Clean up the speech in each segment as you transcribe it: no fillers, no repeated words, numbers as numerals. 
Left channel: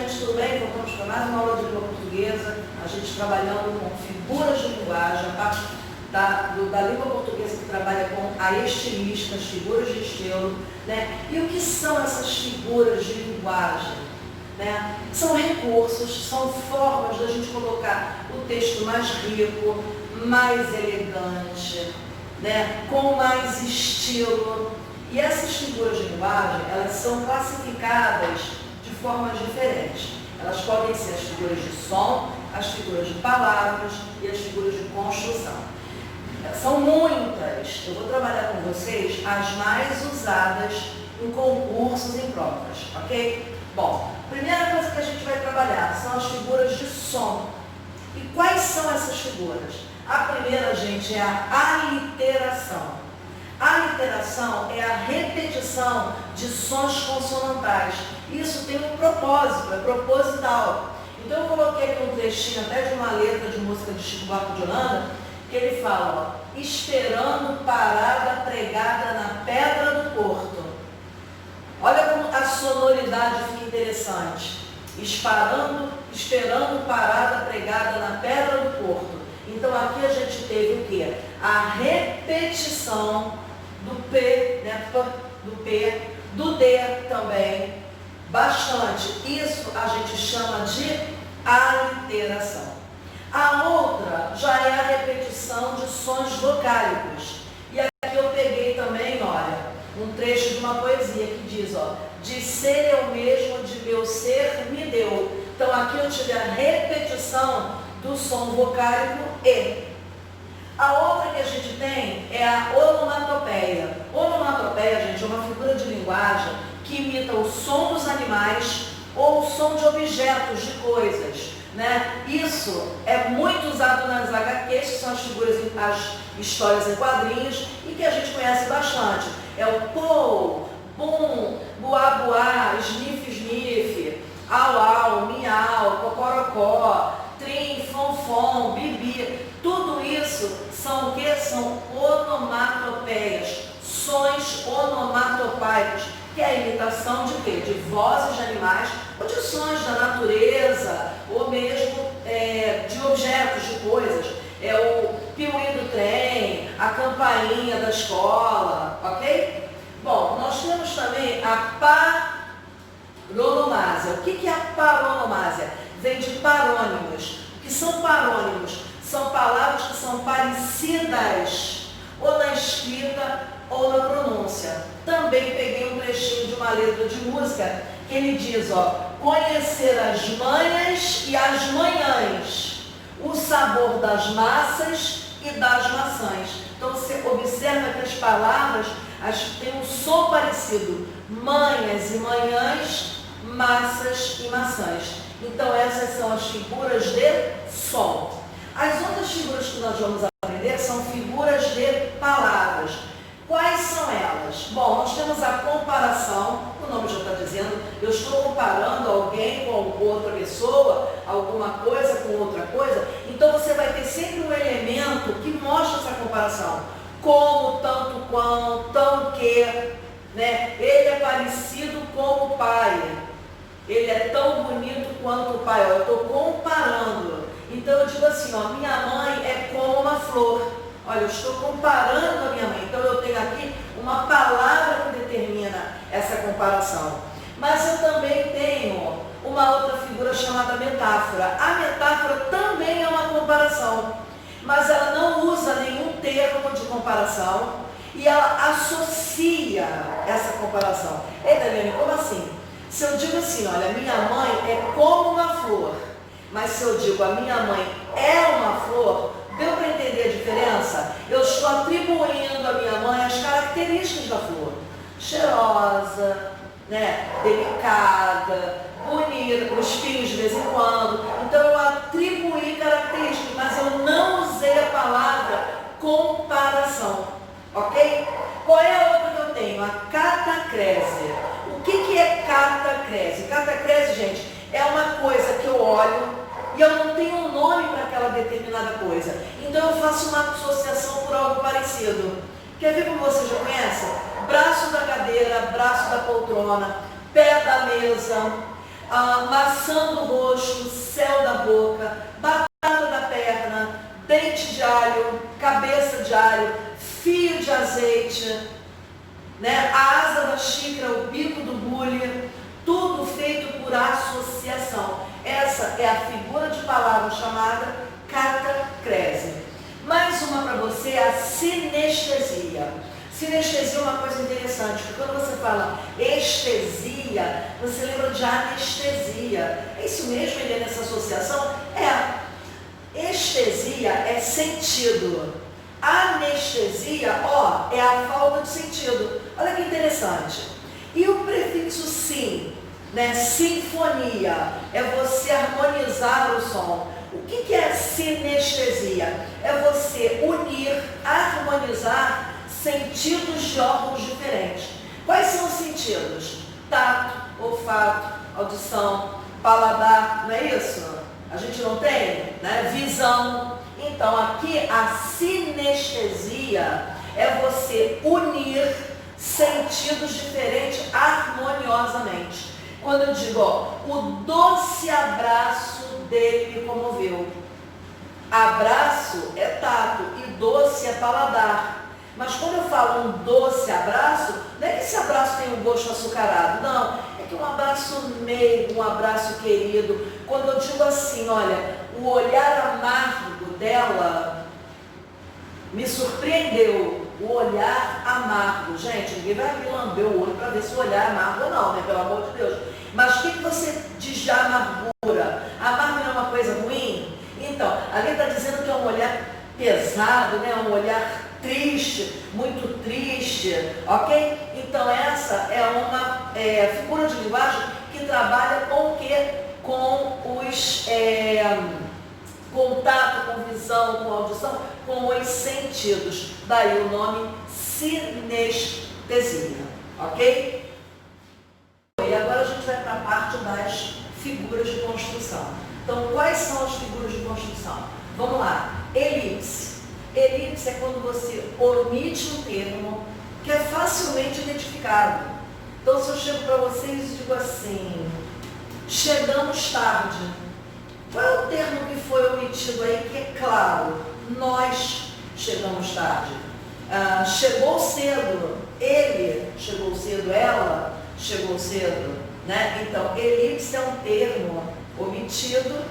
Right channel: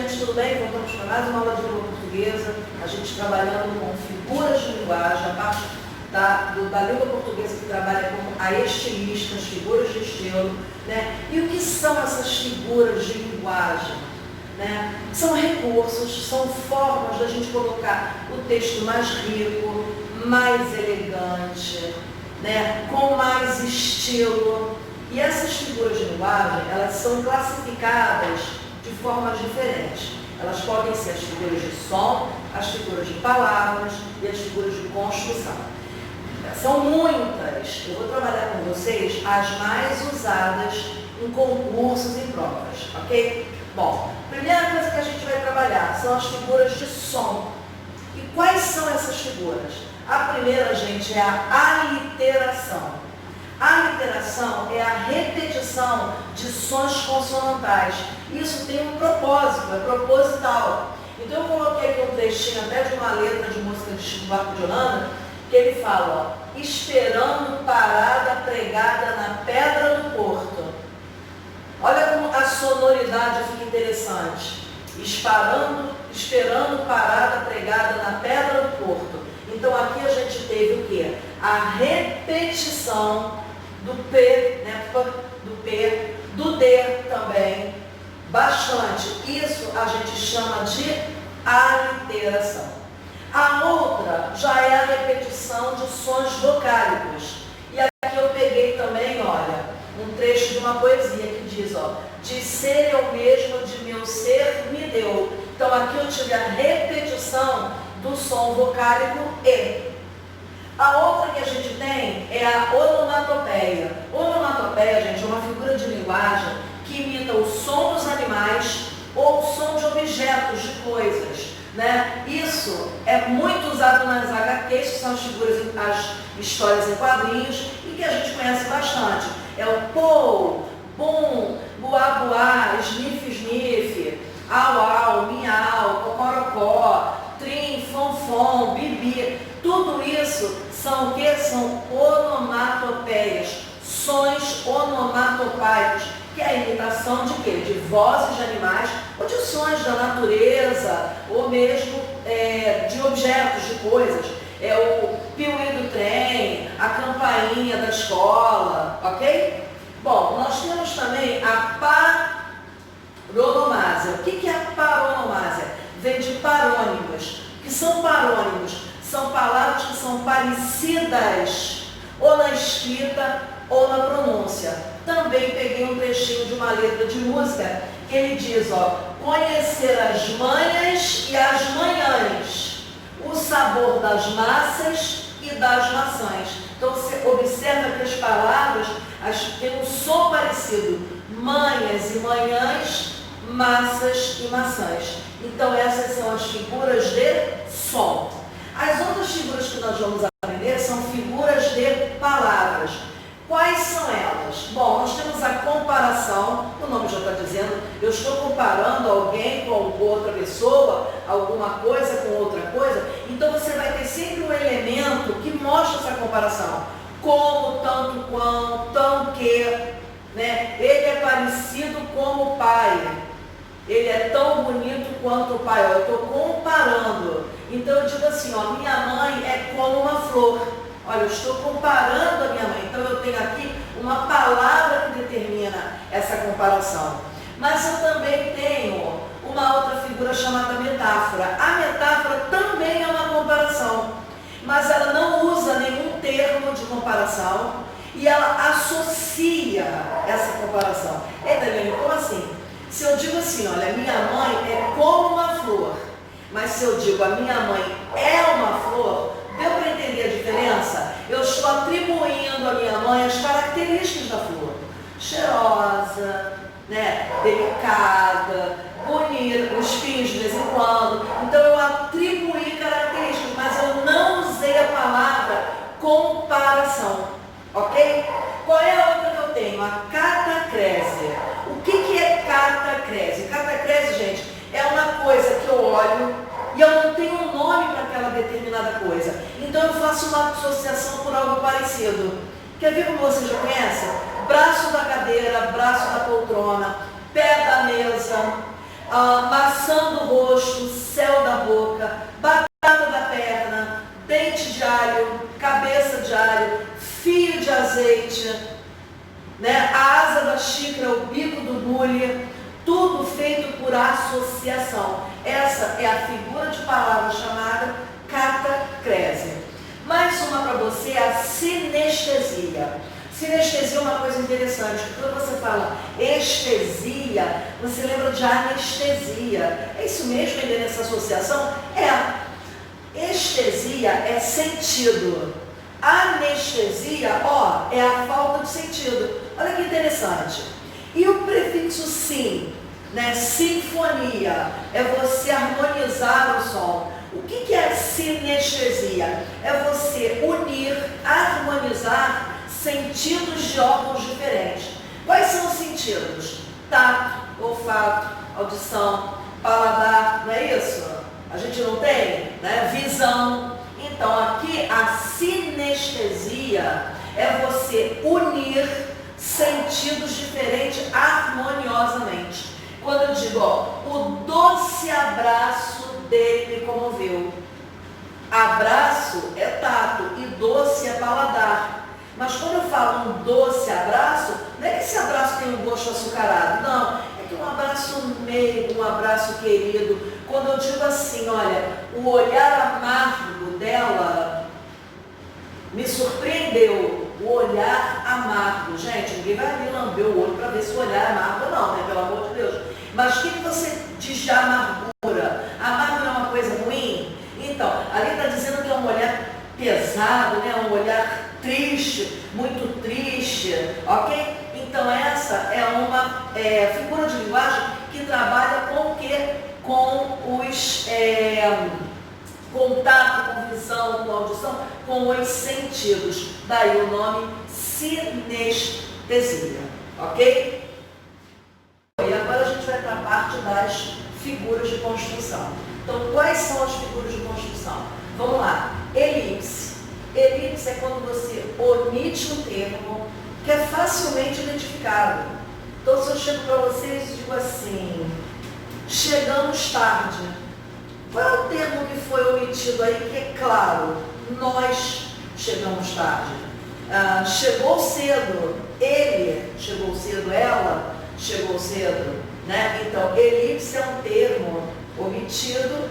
gente, tudo bem? Voltamos para mais uma aula de língua portuguesa, a gente trabalhando com figuras de linguagem, a parte da língua portuguesa que trabalha com a estilística, as figuras de estilo, né? E o que são essas figuras de linguagem? Né? São recursos, são formas da gente colocar o texto mais rico, mais elegante, né? Com mais estilo. E essas figuras de linguagem, elas são classificadas de formas diferentes. Elas podem ser as figuras de som, as figuras de palavras e as figuras de construção. São muitas. Eu vou trabalhar com vocês as mais usadas em concursos e em provas, ok? Bom, primeira coisa que a gente vai trabalhar são as figuras de som. E quais são essas figuras? A primeira, gente, é a aliteração. A aliteração é a repetição de sons consonantais. Isso tem um propósito, é proposital. Então eu coloquei aqui um trechinho até de uma letra de música de Chico Buarque de Holanda, que ele fala, ó, esperando parada pregada na pedra do porto. Olha como a sonoridade fica interessante. Esperando parada pregada na pedra do porto. Então aqui a gente teve o quê? A repetição do P, né? Do P, do D também, bastante. Isso a gente chama de aliteração. A outra já é a repetição de sons vocálicos. E aqui eu peguei também, olha, um trecho de uma poesia que diz, ó, de ser eu mesmo, de meu ser me deu. Então aqui eu tive a repetição do som vocálico E. A outra que a gente tem é a onomatopeia. Onomatopeia, gente, é uma figura de linguagem que imita o som dos animais ou o som de objetos, de coisas, né? Isso é muito usado nas HQs, que são as figuras, as histórias em quadrinhos, e que a gente conhece bastante. É o pou, bum, buá, buá, sniff, sniff, au, au, miau, cocorocó, trim, fonfon, bibi. Tudo isso são o que? São onomatopeias, sons onomatopeicos, que é a imitação de quê? De vozes de animais, ou de sons da natureza, ou mesmo de objetos, de coisas. É o piuí do trem, a campainha da escola, ok? Bom, nós temos também a paronomásia. O que é a paronomásia? Vem de parônimos. O que são parônimos? São palavras que são parecidas ou na escrita ou na pronúncia. Também peguei um trechinho de uma letra de música que ele diz, ó, conhecer as manhas e as manhãs, o sabor das massas e das maçãs. Então você observa que as palavras têm um som parecido, manhas e manhãs, massas e maçãs. Então essas são as figuras de som. As outras figuras que nós vamos aprender são figuras de palavras. Quais são elas? Bom, nós temos a comparação, o nome já está dizendo, eu estou comparando alguém com outra pessoa, alguma coisa com outra coisa, então você vai ter sempre um elemento que mostra essa comparação. Como, tanto, quanto, tão que, né? Ele é parecido com o pai, ele é tão bonito quanto o pai, ó, eu estou comparando. Então eu digo assim, ó, minha mãe é como uma flor. Olha, eu estou comparando a minha mãe. Então eu tenho aqui uma palavra que determina essa comparação. Mas eu também tenho uma outra figura chamada metáfora. A metáfora também é uma comparação, mas ela não usa nenhum termo de comparação e ela associa essa comparação. Ei, Daniele, como assim? Se eu digo assim, olha, minha mãe é como uma flor, mas se eu digo a minha mãe é uma flor, deu para entender a diferença? Eu estou atribuindo à minha mãe as características da flor. Cheirosa, né? Delicada, bonita, com espinhos de vez em quando. Então eu atribuí características, mas eu não usei a palavra comparação. Ok? Qual é a outra que eu tenho? A catacrese. O que é catacrese? Catacrese, gente, é uma coisa que eu olho e eu não tenho um nome para aquela determinada coisa. Então eu faço uma associação por algo parecido. Quer ver como você já conhece? Braço da cadeira, braço da poltrona, pé da mesa, maçã do rosto, céu da boca, batata da perna, dente de alho, cabeça de alho, fio de azeite, né? A asa da xícara, o bico do bule, tudo feito por associação. Essa é a figura de palavra chamada catacrese. Mais uma para você é a sinestesia. Sinestesia é uma coisa interessante, porque quando você fala estesia, você lembra de anestesia. É isso mesmo, ainda nessa associação? Estesia é sentido. Anestesia, é a falta de sentido. Olha que interessante. E o prefixo sim, né? Sinfonia, é você harmonizar o som. O que é sinestesia? É você unir, harmonizar sentidos de órgãos diferentes. Quais são os sentidos? Tato, olfato, audição, paladar, não é isso? A gente não tem, né? Visão. Então aqui a sinestesia é você unir sentidos diferentes harmoniosamente. Quando eu digo, o doce abraço dele me comoveu. Abraço é tato e doce é paladar. Mas quando eu falo um doce abraço, não é que esse abraço tem um gosto açucarado, não. É que um abraço meigo, um abraço querido. Quando eu digo assim, olha, o olhar amargo dela me surpreendeu. O olhar amargo. Gente, ninguém vai me lamber o olho para ver se o olhar é amargo ou não, né? Pelo amor de Deus. Mas o que você diz de amargura? Amargura é uma coisa ruim? Então, ali está dizendo que é um olhar pesado, né? Um olhar triste, muito triste, ok? Então essa é uma figura de linguagem que trabalha com o quê? Com os contato, com visão, com audição, com os sentidos. Daí o nome sinestesia, ok? E agora a gente vai para a parte das figuras de construção. Então, quais são as figuras de construção? Vamos lá. Elipse. Elipse é quando você omite um termo que é facilmente identificado. Então, se eu chego para vocês e digo assim, chegamos tarde. Qual é o termo que foi omitido aí que é claro? Nós chegamos tarde. Chegou cedo. Ele chegou cedo. Ela chegou cedo. Né? Então, elipse é um termo omitido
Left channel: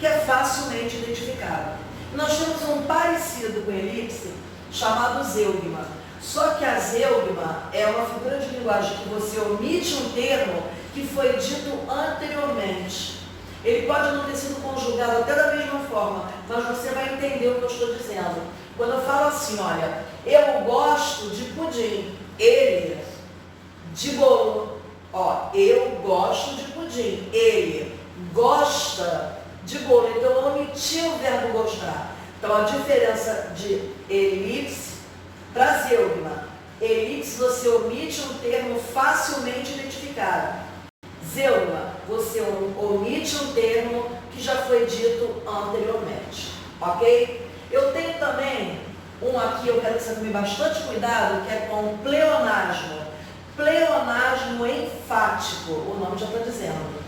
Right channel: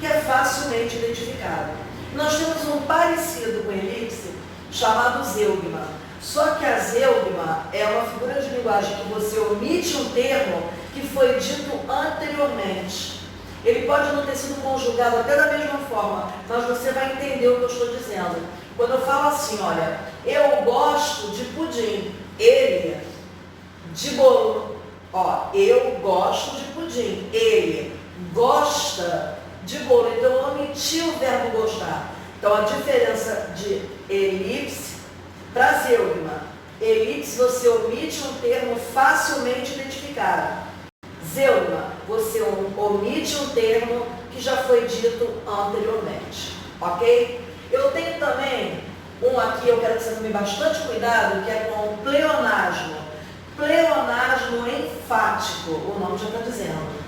que é facilmente identificado. Nós temos um parecido com elipse chamado zeugma. Só que a zeugma é uma figura de linguagem que você omite um termo que foi dito anteriormente. Ele pode não ter sido conjugado até da mesma forma, mas você vai entender o que eu estou dizendo. Quando eu falo assim, olha, eu gosto de pudim, ele de bolo. Eu gosto de pudim, ele gosta de bolo. Então eu omiti o verbo gostar. Então a diferença de elipse para zeugma. Elipse você omite um termo facilmente identificado. Zeugma, você omite um termo que já foi dito anteriormente, ok? Eu tenho também um aqui, eu quero que você tome bastante cuidado, que é com o pleonasmo. Pleonasmo enfático, o nome já está dizendo.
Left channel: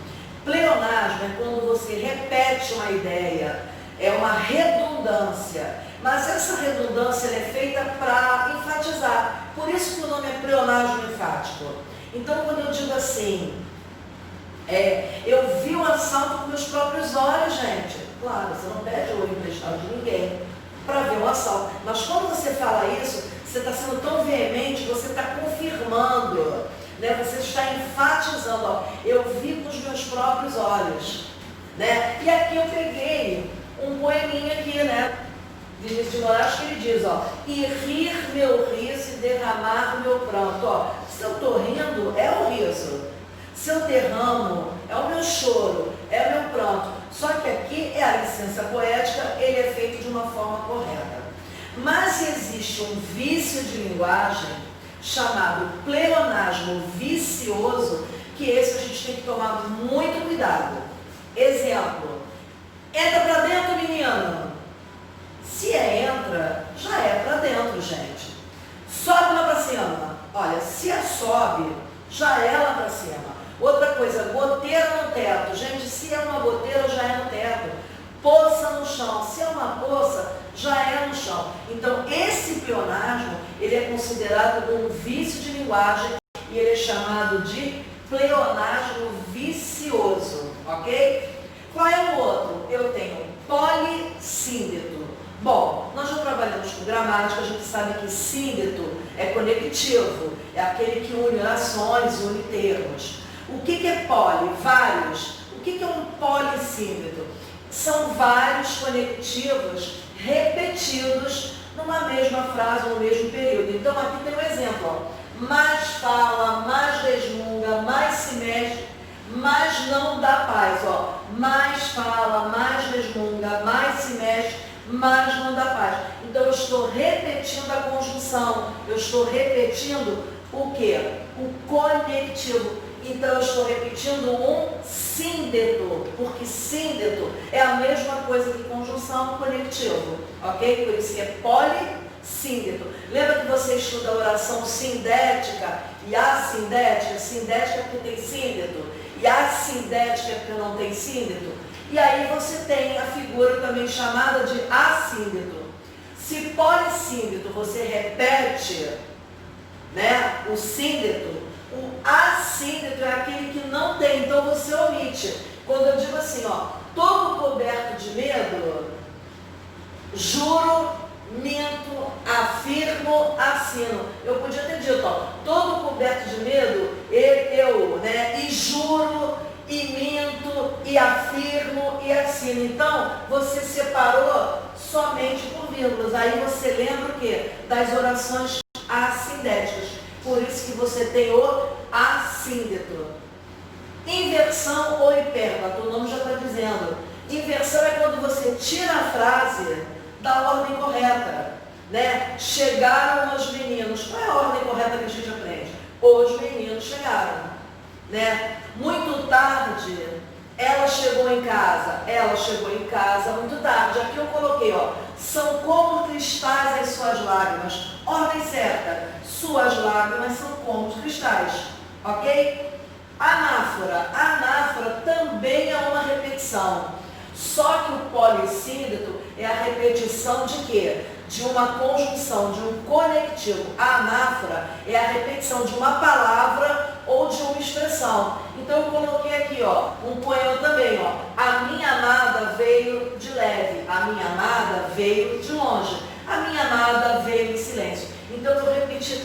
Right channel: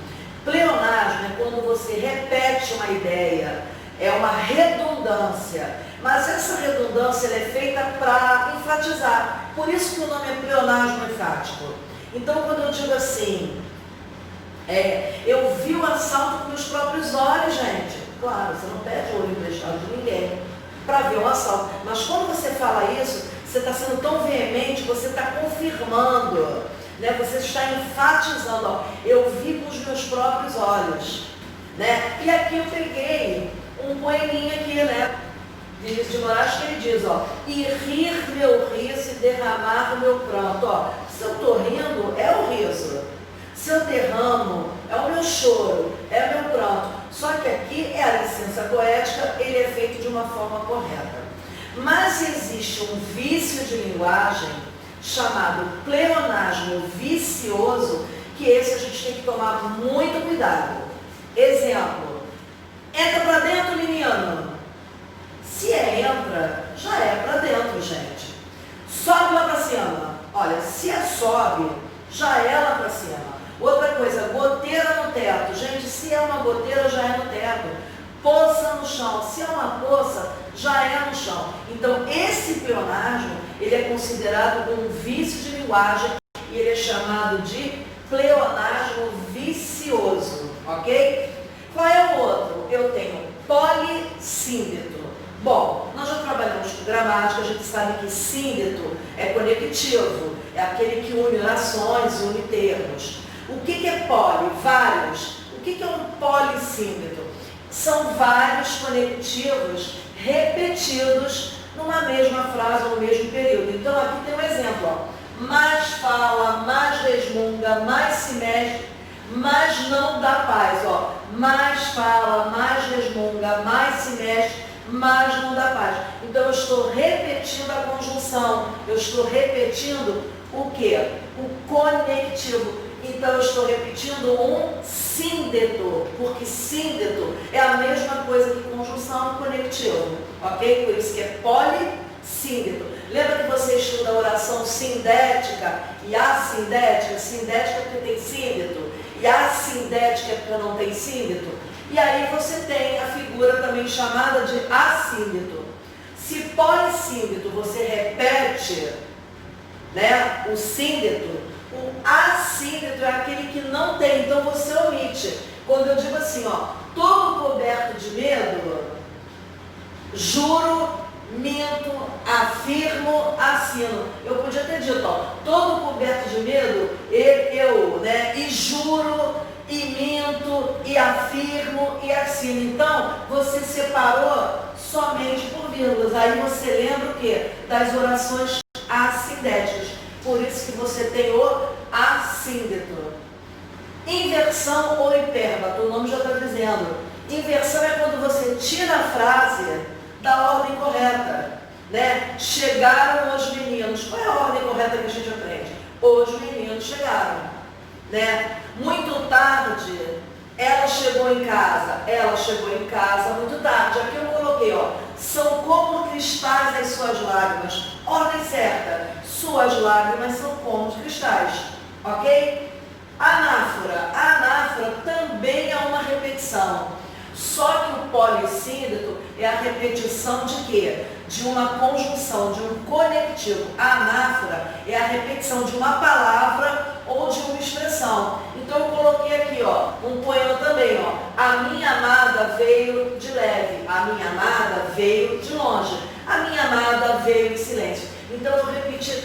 Pleonasmo é quando você repete uma ideia, é uma redundância, mas essa redundância ela é feita para enfatizar. Por isso que o nome é pleonasmo enfático. Então, quando eu digo assim, eu vi o assalto com meus próprios olhos, gente. Claro, você não pede olho emprestado de ninguém para ver o assalto. Mas quando você fala isso, você está sendo tão veemente, você está confirmando, né? Você está enfatizando. Eu vi com os meus próprios olhos, né? E aqui eu peguei um poeminha aqui, né? Vinícius de Moraes, que ele diz, e rir meu riso e derramar meu pranto. Se eu estou rindo, é o riso. Se eu derramo, é o meu choro, é o meu pranto. Só que aqui é a licença poética, ele é feito de uma forma correta. Mas existe um vício de linguagem chamado pleonasmo vicioso, que esse a gente tem que tomar muito cuidado. Exemplo, entra para dentro, menino. Se entra, já é para dentro, gente. Sobe lá para cima. Olha, se sobe, já é lá para cima. Outra coisa, goteira no teto. Gente, se é uma goteira, já é no teto. Poça no chão. Se é uma poça, já é no chão. Então, esse pleonasmo, ele é considerado um vício de linguagem e ele é chamado de pleonasmo vicioso, ok? Qual é o outro? Eu tenho polissíndeto. Bom, nós já trabalhamos com gramática, a gente sabe que síndeto é conectivo, é aquele que une orações, une termos. O que é poli? Vários. O que é um polissíndeto? São vários conectivos repetidos numa mesma frase, no mesmo período. Então, aqui tem um exemplo, ó. Mais fala, mais resmunga, mais se mexe, mas não dá paz, ó. Mais fala, mais resmunga, mais se mexe, mas não dá paz. Então, eu estou repetindo a conjunção, eu estou repetindo o quê? O conectivo. Então, eu estou repetindo um síndeto, porque síndeto é a mesma coisa que conjunção conectivo, ok? Por isso que é polissíndeto. Lembra que você estuda a oração sindética e assindética? Sindética é porque tem síndeto e assindética é porque não tem síndeto. E aí você tem a figura também chamada de assíndeto. Se polissíndeto você repete, né, o síndeto, o assíndeto é aquele que não tem, então você omite. Quando eu digo assim, ó, todo coberto de medo, juro, minto, afirmo, assino. Eu podia ter dito, ó, todo coberto de medo, eu, né, e juro, e minto, e afirmo, e assino. Então, você separou somente por vírgulas. Aí você lembra o quê? Das orações assindéticas. Por isso que você tem o assíndeto. Inversão ou hipérbato, o nome já está dizendo. Inversão é quando você tira a frase da ordem correta, né? Chegaram os meninos. Qual é a ordem correta que a gente aprende? Os meninos chegaram, né? Muito tarde, ela chegou em casa. Ela chegou em casa muito tarde. Aqui eu coloquei, ó, são como cristais as suas lágrimas. Ordem certa. Suas lágrimas são como os cristais, ok? Anáfora. Anáfora também é uma repetição. Só que o polissíndeto é a repetição de quê? De uma conjunção, de um conectivo. A anáfora é a repetição de uma palavra ou de uma expressão. Então eu coloquei aqui, ó, um poema também, ó. A minha amada veio de leve, a minha amada veio de longe, a minha amada veio em silêncio. Então eu repeti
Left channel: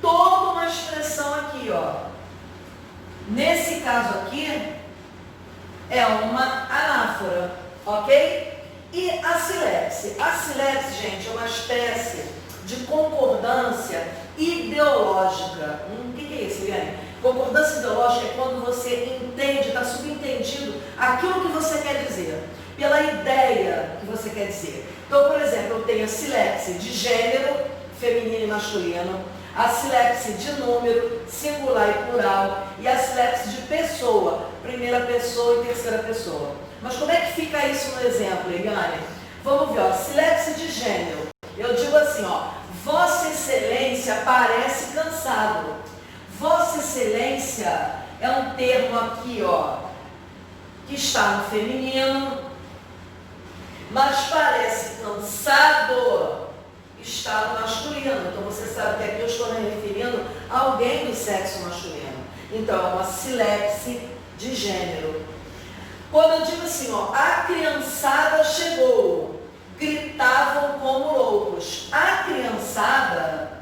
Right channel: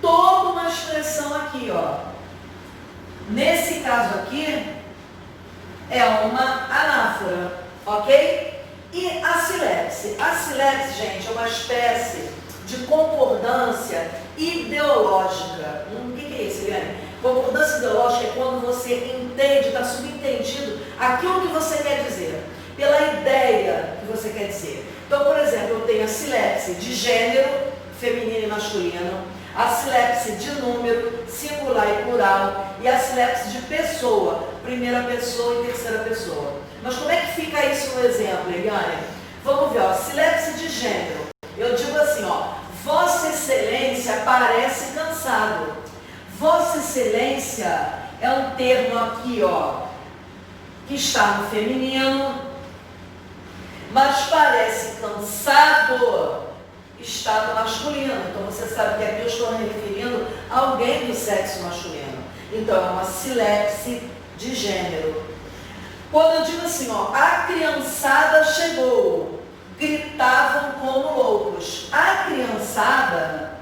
toda uma expressão aqui, ó. Nesse caso aqui, é uma anáfora, ok? E a silepse. A silepse, gente, é uma espécie de concordância ideológica. O que é isso, Eliane? Concordância ideológica é quando você entende, está subentendido aquilo que você quer dizer, pela ideia que você quer dizer. Então, por exemplo, eu tenho a silepse de gênero, feminino e masculino, a silepse de número, singular e plural, e a silepse de pessoa, primeira pessoa e terceira pessoa. Mas como é que fica isso no exemplo, Eliane? Vamos ver, ó, silepse de gênero. Eu digo assim, ó, Vossa Excelência parece cansado. Vossa Excelência é um termo aqui, ó, que está no feminino, mas parece cansado, está no masculino. Então você sabe que aqui eu estou me referindo a alguém do sexo masculino. Então é uma silepse de gênero. Quando eu digo assim, ó, a criançada chegou, gritavam como loucos. A criançada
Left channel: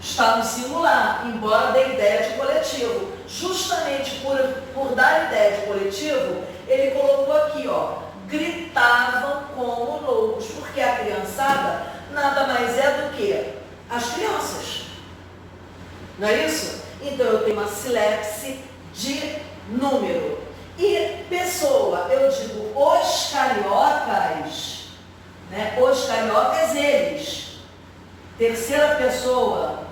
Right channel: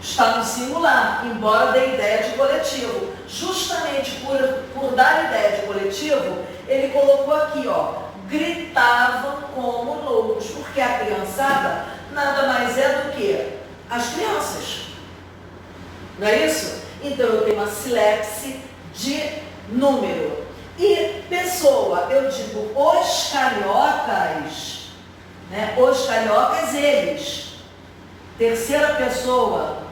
está no singular, embora dê ideia de coletivo. Justamente por dar ideia de coletivo, ele colocou aqui, ó, gritavam como loucos, porque a criançada nada mais é do que as crianças. Não é isso? Então eu tenho uma silepse de número. E pessoa, eu digo os cariocas, né? Os cariocas, eles. Terceira pessoa,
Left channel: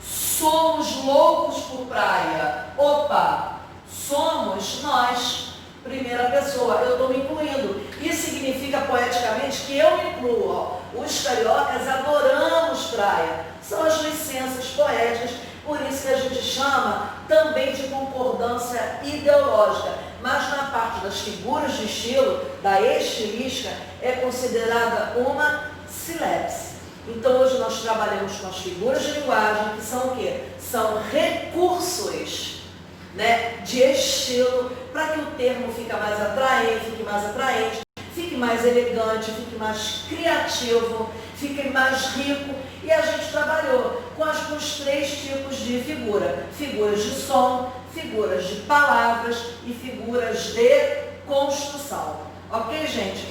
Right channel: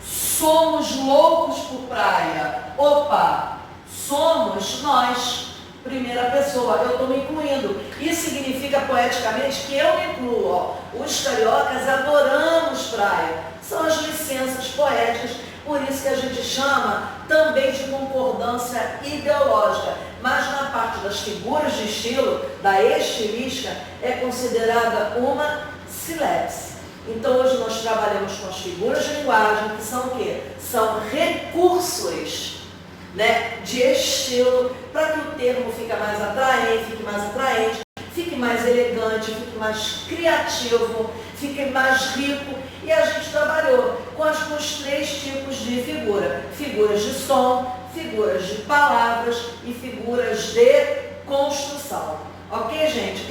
somos loucos por praia. Opa, somos nós. Primeira pessoa, eu estou me incluindo. Isso significa poeticamente que eu me incluo. Ó. Os cariocas adoramos praia. São as licenças poéticas, Por isso que a gente chama também de concordância ideológica. Mas na parte das figuras de estilo, da estilística, é considerada uma sílabus. Então hoje nós trabalhamos com as figuras de linguagem, que são o quê? São recursos, né, de estilo, para que o termo fique mais atraente, fique mais elegante, fique mais criativo, fique mais rico. E a gente trabalhou com os 3 tipos de figura: figuras de som, figuras de palavras e figuras de construção. Ok, gente?